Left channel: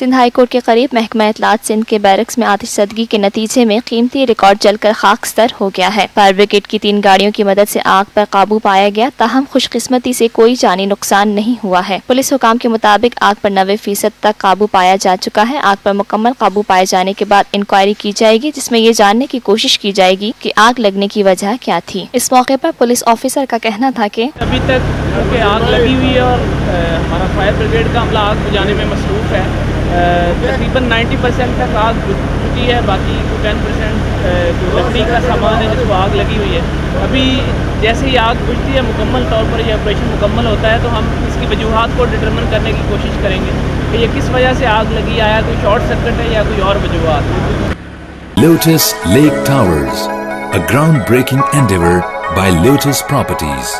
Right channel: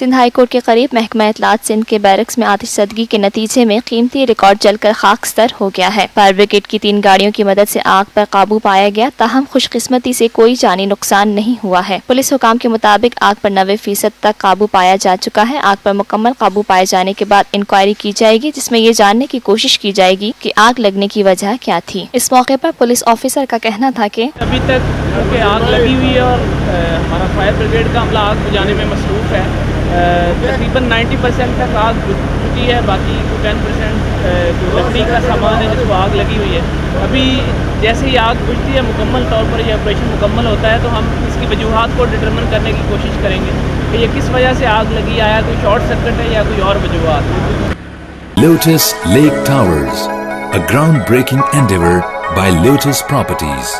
Sindh high court کے قریب محکمہ اطلاعات سندھ کے بیرکس میں آتش زدگی کے نتیجے میں قیمتی ریکارڈ جل کر خاکستر ہو گیا ہے۔ فائر بریگیڈ کی 3 گاڑیوں کی مدد سے آگ پر قابو پایا گیا، تاہم خوش قسمتی سے کوئی جانی نقصان نہیں ہوا ہے۔ پولیس حکام کے مطابق آگ پر 90% تک قابو پایا جا چکا ہے۔ آگ پر مکمل قابو پائے جانے کے بعد انکوائری کی جائے گی، جس میں یہ جاننے کی کوشش کی جائے گی کہ آگ لگنے کی وجہ کیا تھی۔ اس موقع پر پولیس آفیسر کا کہنا تھا کہ ابھی تک کیونکہ آگ لگی ہوئی ہے اور ہمارا فائر بریگیڈ کا عملہ آگ بجھانے میں مصروف ہے، تقریباً 90% تک آگ بجھ چکی ہے، باقی 10% جو لکڑی کا سامان ہے جس کو آگ لگی ہوئی ہے۔ ابھی جیسے ہی آگ بجھتی ہے مکمل طور پر یہ آپریشن مکمل ہوتا ہے تو ہم اس کی وجوہات کو ڈٹرمن کرنے کی کوشش کریں گے کہ یہ کس وجہ سے آگ لگی، آیا کوئی شارٹ سرکٹ ہے یا کوئی اور وجوہات۔ Lotus Lake Towers, a groundbreaking endeavor by Lotus Properties.